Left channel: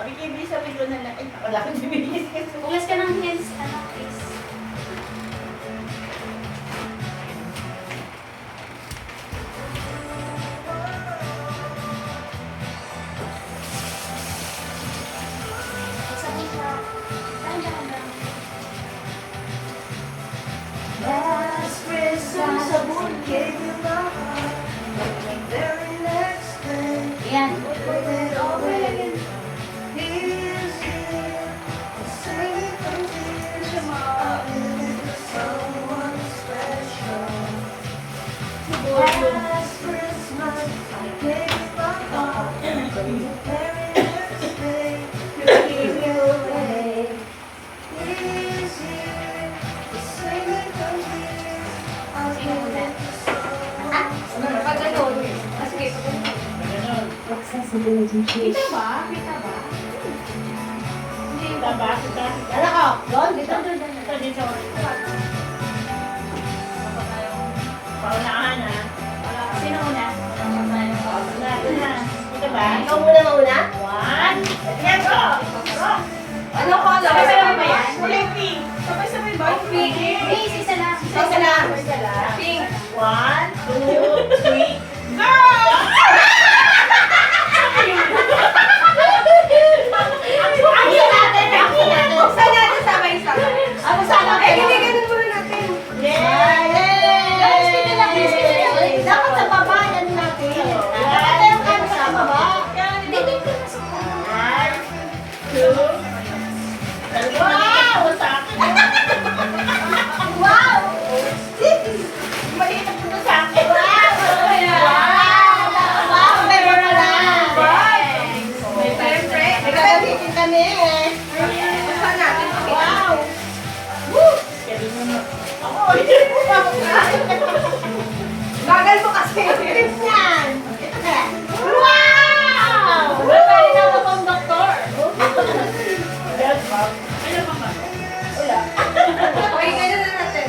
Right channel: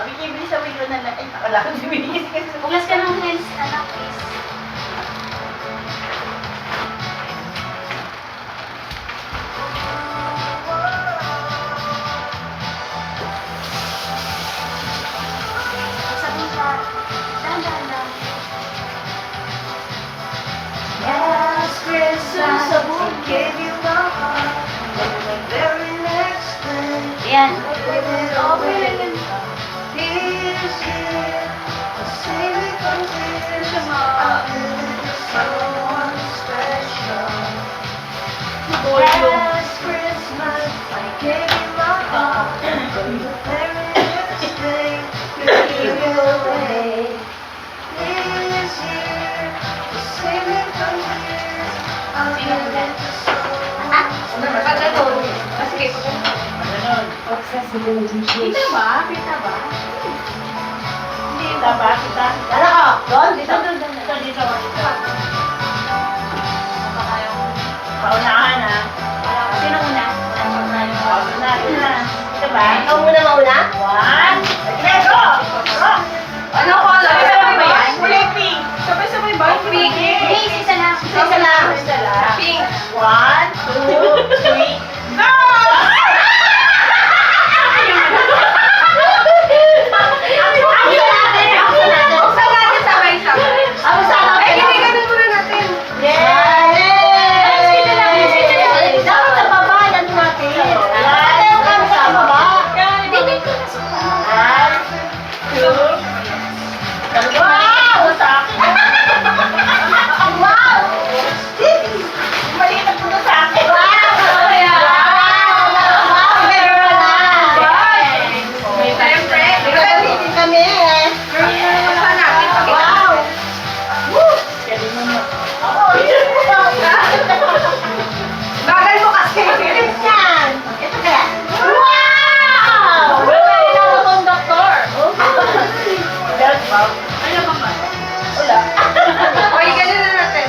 Bigay sa video na ay, nakala ko bibigay kasi. Ulas ka ng hands, anak, please. Sabi ka, dahan-dahan. Last Christmas, I gave you my heart, but the very next day, Ayan. gave it away. Here's here, the same from tears. I feel someone special. Last Christmas, I gave you my heart, but the very next day, gave it away. Here's here, the same from tears. I feel Kita ba? Kita ba? Kita ba? Kita? Ano ko? Doon? Dito? Dito, dito. Paunahan ha. Sino muna? Paunahan na. Dito ba? Ikaw muna mauna? One. Let's go! Ano ko? Sabay-sabay ba yan? Kulay pink. Sabay-sabay ba? Pink. Please, isa lang. Isa lang. Isa lang. Pink. 1, 2, 3. Go! Buksan natin sabay-sabay. Ano sa akin? Eh, hindi ganun muna natin. Yes! Kita lang, kita lang. Dapat sa baba, yan natin. Ate, yung kami sa baba. Hindi, dito na sa One, two. Wow! Sa akin. Wow! Maliit ang puno sa akin. Wow! Wow! Meron na lang. Siyempre. Nagagamitin kami eh. Buksan natin. Wow! Bagay mo kasi. Yan. Ito kaya. Wow! Ano pa ba? Uy, ganyan na natin.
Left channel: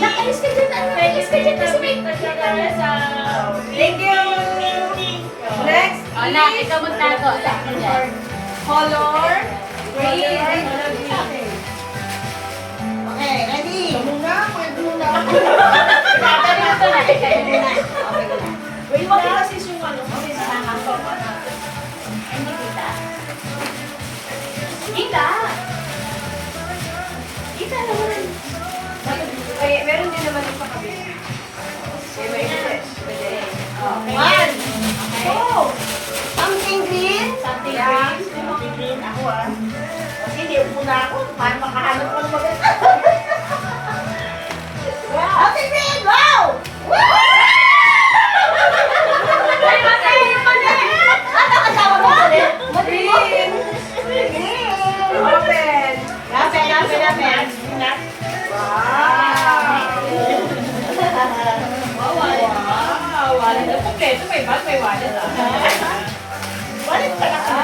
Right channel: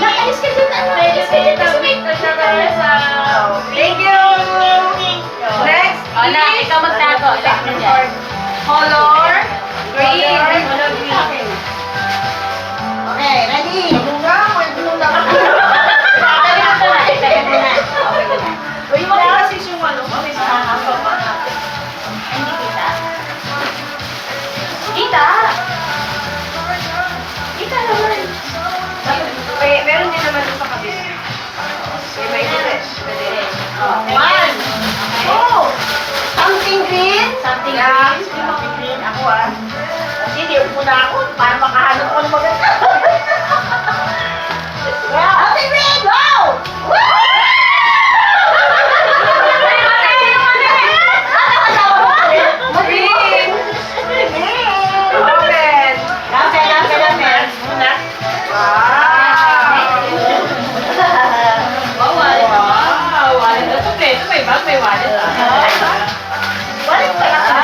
Nakaalis ka dyan, ano? Nakaalis ka dyan, tapos may Thank you. Next O, na, ikaw magtago. Like na dyan. color green. Okay, ready? Bunga, may bunga. Tayo mo to na. Tayo mo na. Uy, wala kasi yung ano, kasi sa sopa na. Hindi kita. Kita! Kita naman. Meron din naman sa kabila. May fresh. One, two, Something green. Something Yeah. green. something green ako ah. Kasi hindi muna ako para makahanap ako ng maganda. Something green. Go! Green. Open. Muna. Wow. Wow, wallet na ito. Ito may bag, may wallet ah. Wallet pala sa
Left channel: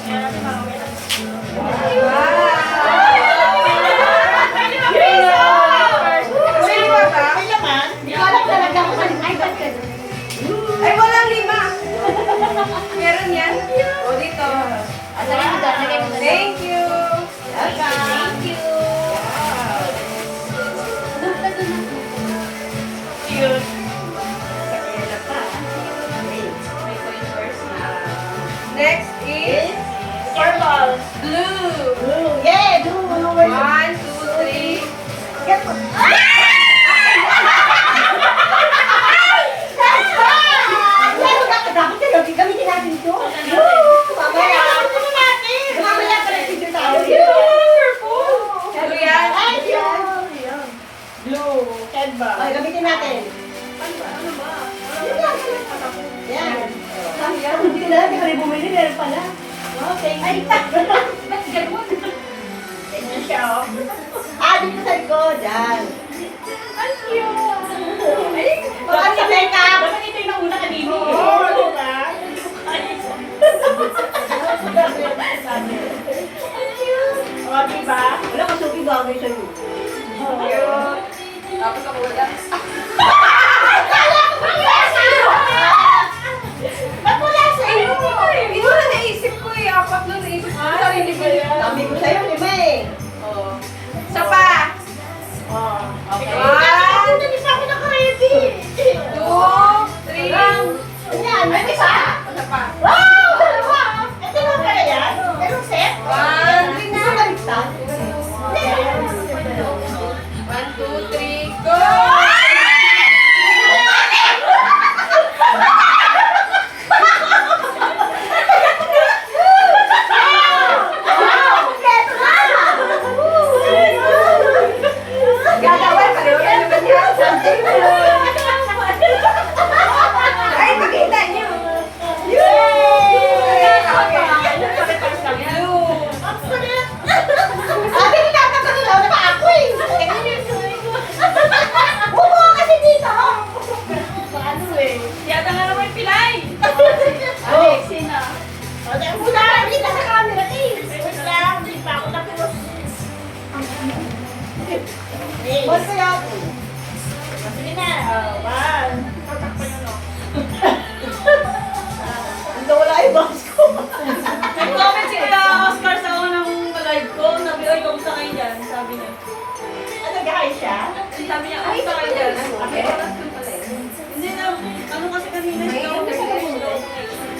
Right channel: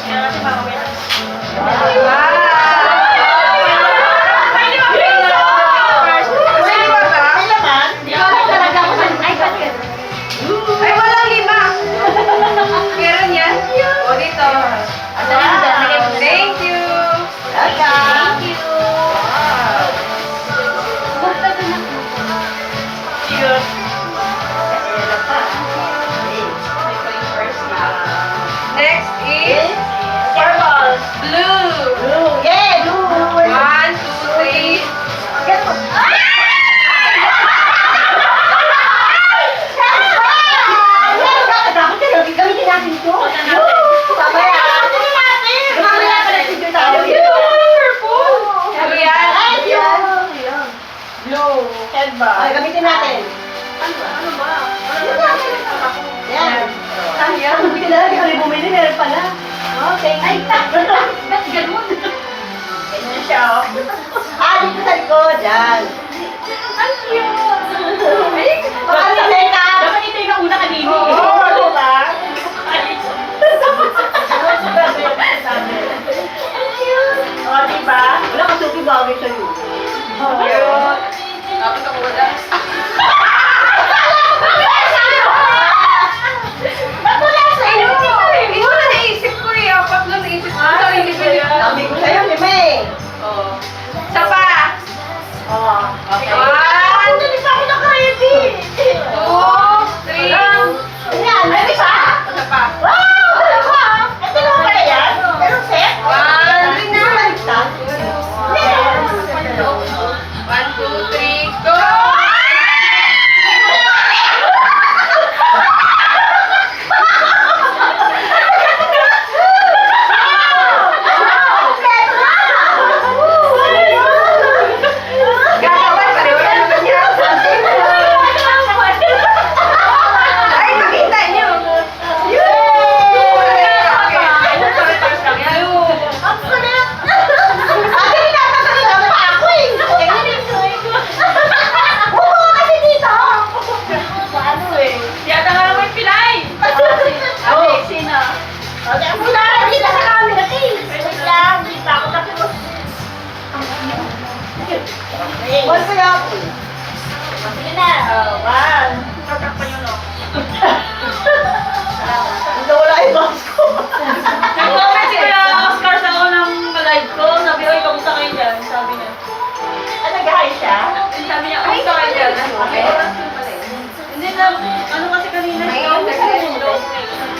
kaya kasi mamaya. May laman? Talaga ako sa iPad ka. Ay, walang lima. Meron yan? O, dito. Lagay mo dyan, lagay mo dyan. Thank you. Thank you. Basta ko na. Cute. Next is Purple. blue. Blue. Yeah, blue. 1, 2, 3. Gamitin natin ito. Mamaya. Mamaya pala si Joy tayo. Blue yan. Blue. Headband. Ay, gamitin natin. Ano ba? Yan. Yan. Hindi na lang kami bumili. Meron pala. Oh, thank Ay, you. ba't ganun? Ganyan siya, oh. Dito sa likod. Yan. Ang cute! Ay, Baka sabay ka. dapat ito yung nauna kanina. Oo, diba? Ang cute! Oh, diba? Wala ka suki bagay sa'yo. Oh. Tapos ako wala. One. Tatakpan yun, no? Hindi wala yung box ko. Nag-comment si Kuya Oscar sa unang live ko. Sabi, oy, kamusta kayo dyan? Sabi niya. Ah, nag-hi siya? Sabi niya, kamusta kayo dyan? May oras ko pala eh. Hindi na, ano kasi kanina? May slow oras connection, na. slow connection.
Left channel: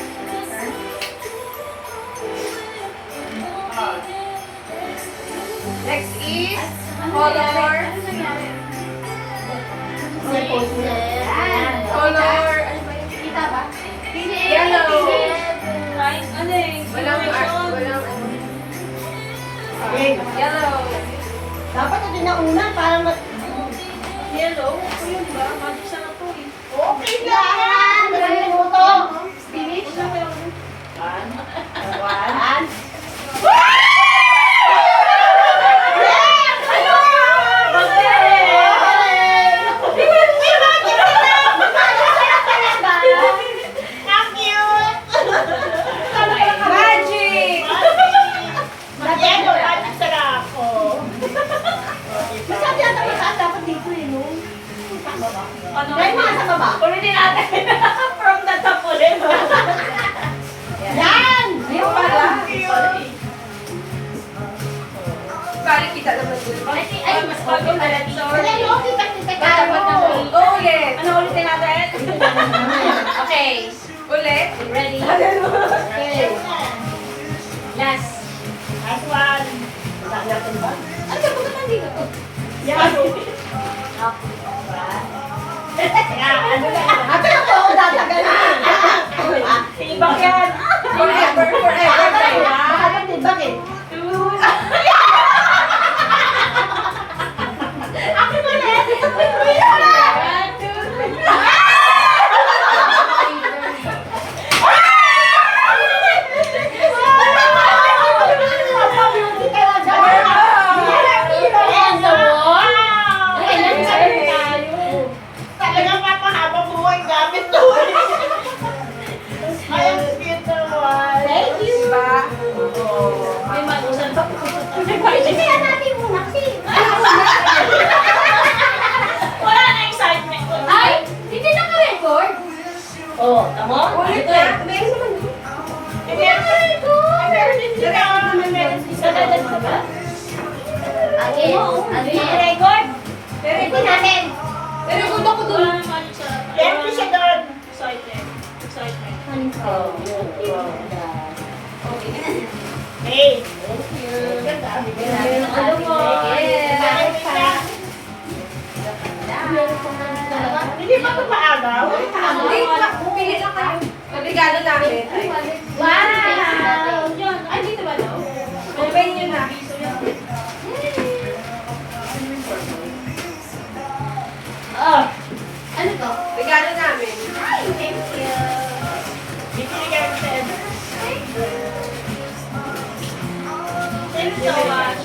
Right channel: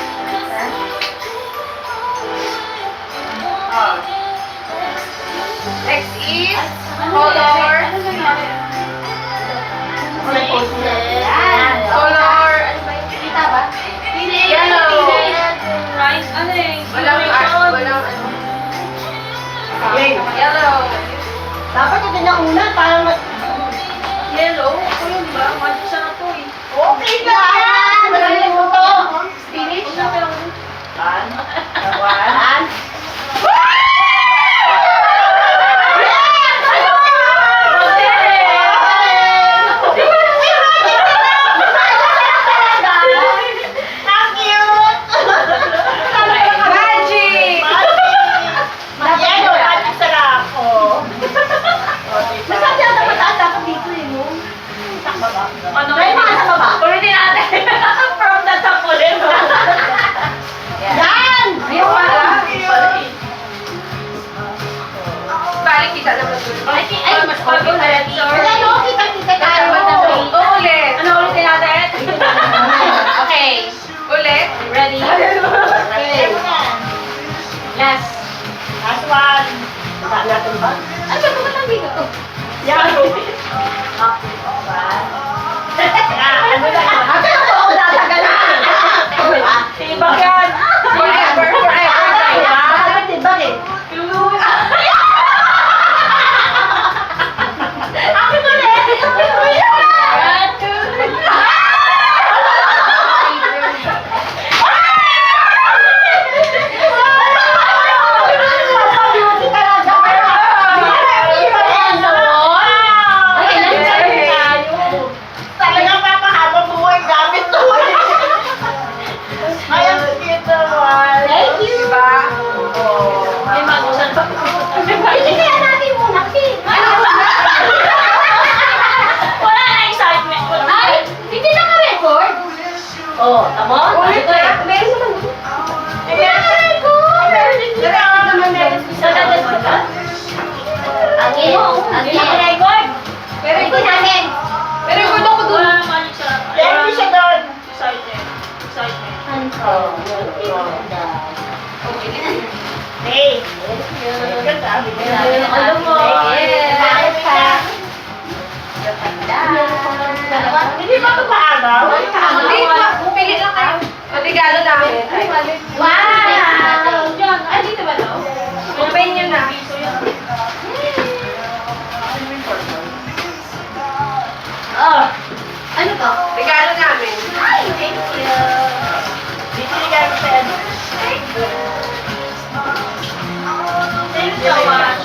Ah. Next is color. Color. Ano ba yun? Kita ba? Yellow. Rice, ano eh? Walang Walang ano. Yellow. Yellow. Dapat ito na una para Yellow? Ako yun ba? Magic siya na to eh. Okay lang! Marami mo to. Spinach. One. One. How cute! Magic! Yellow, magic sarap. Oh. Masabi ang mataas dapat dito eh, no? Sa baba. Ano? Try mo nga sa baba. Ulitin natin. From the top ulit. Yan! Ayun pala. Balik kita naman doon. Ay, mas bago ulit. Sorry. Ayan, no? Kita-kita tayo. Ulit. Ano ulitin natin? Okay. Ulit. Ready? Okay. Last. Last one. Saan natin ba? Ano ba ba lang dito? Yan. Ano na yun? Ate, ako dadagalan. Tibak yan. Forever, forever. Bakit tibag eh? Akin ulit! One, two, Talagang papahaba buhay gamit to. Ay, ang cute naman. Thank you. Diba? May magusan pa. Kaya natin muna kasi. Wala na excitement. Ay, hindi na ka-record. Oh, tama? Ulit Ito eh. na. Meron naman. Record. Pero hindi natin. Pero record ako doon. Wala na magic siya. Thank you siya doon. Excitement. Excitement. Hey. Ano mo? Bakit pa? Hindi ba ito paagaw? Hindi, pumili lang kayo. Regalo namin. Wow! Ay, dito ba to? Open nyo na. Oh. Ano to? Regalo namin. Ay, thank you. Bibigyan ko sa ano. Thank you so much.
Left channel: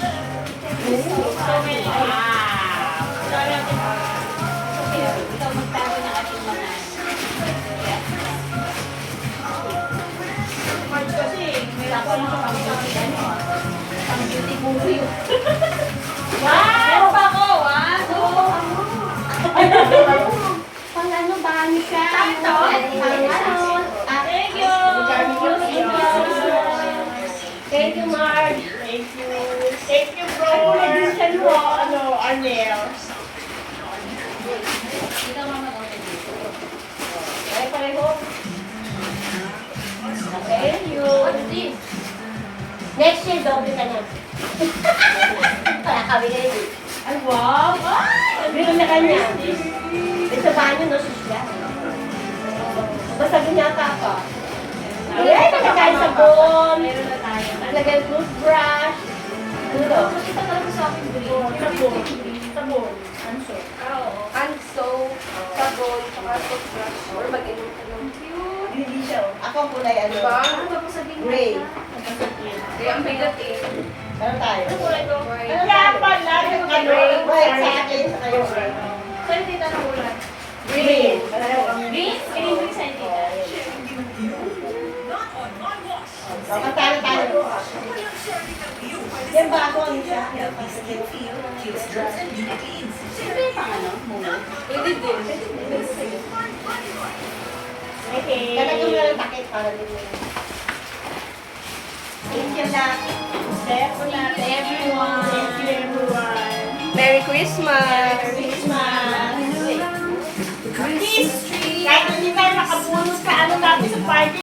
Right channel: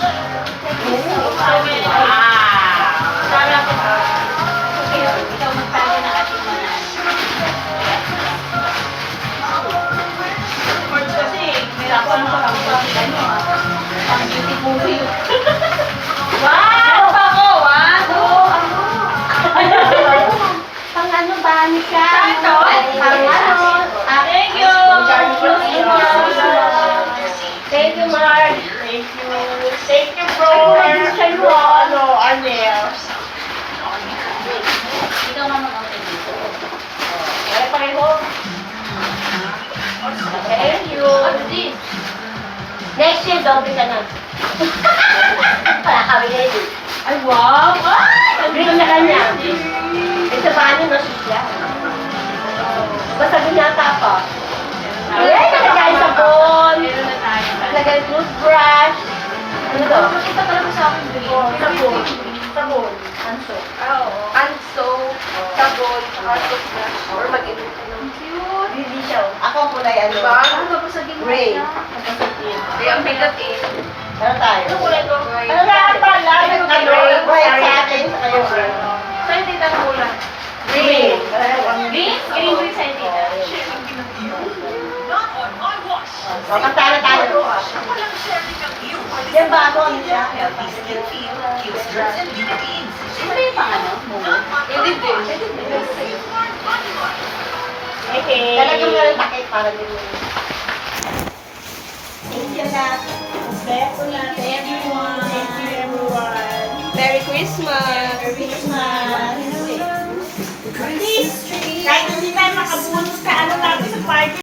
Wow. Sana po. Ikaw magpago na ating mga. Words kasi, may ako ng Pang beauty movie. Wow! Pa ako, Pang ano ba siya? Ito? Pang ano? Thank you! Thank you, Mark. Thank you. Thank you, bro. Ano, Arnel. Ikaw nga mag-open dito. Kaya pareho. Thank you. What's this? Next year, doble ka na. Wala kami ngayon. Ay, wow! Green na kanya. Ito ba ano, no, siya? Basta ginata pa. Ay, nalagay sabon. Meron na tayo. Nalagay toothbrush. Ano to? Ito talaga sa akin green. Sabon. Sabon. Anso. Oo. Anso, sabon, saka toothbrush. Or mag-inom ka ng cute. Hindi siya. Ako kulay ano. Diba? Ano ba sa ginawa Gray. siya? Kaya ang bigat eh. Ano tayo? Ano kulay to? Ano nga pala? Ano? White sa akin. Sa kayo. Sa'yo, tita, ang kulay. Green. Green? Green ko yung sa'yo, tita. Makatala tayo. Yan ba ako? Ano siya? Ito yung pang ano? Momo? Hindi din. Ito nga rin takip para din mo. Thank you lahat. Thank you everyone. Thank you everyone. Merry Christmas! Merry Christmas.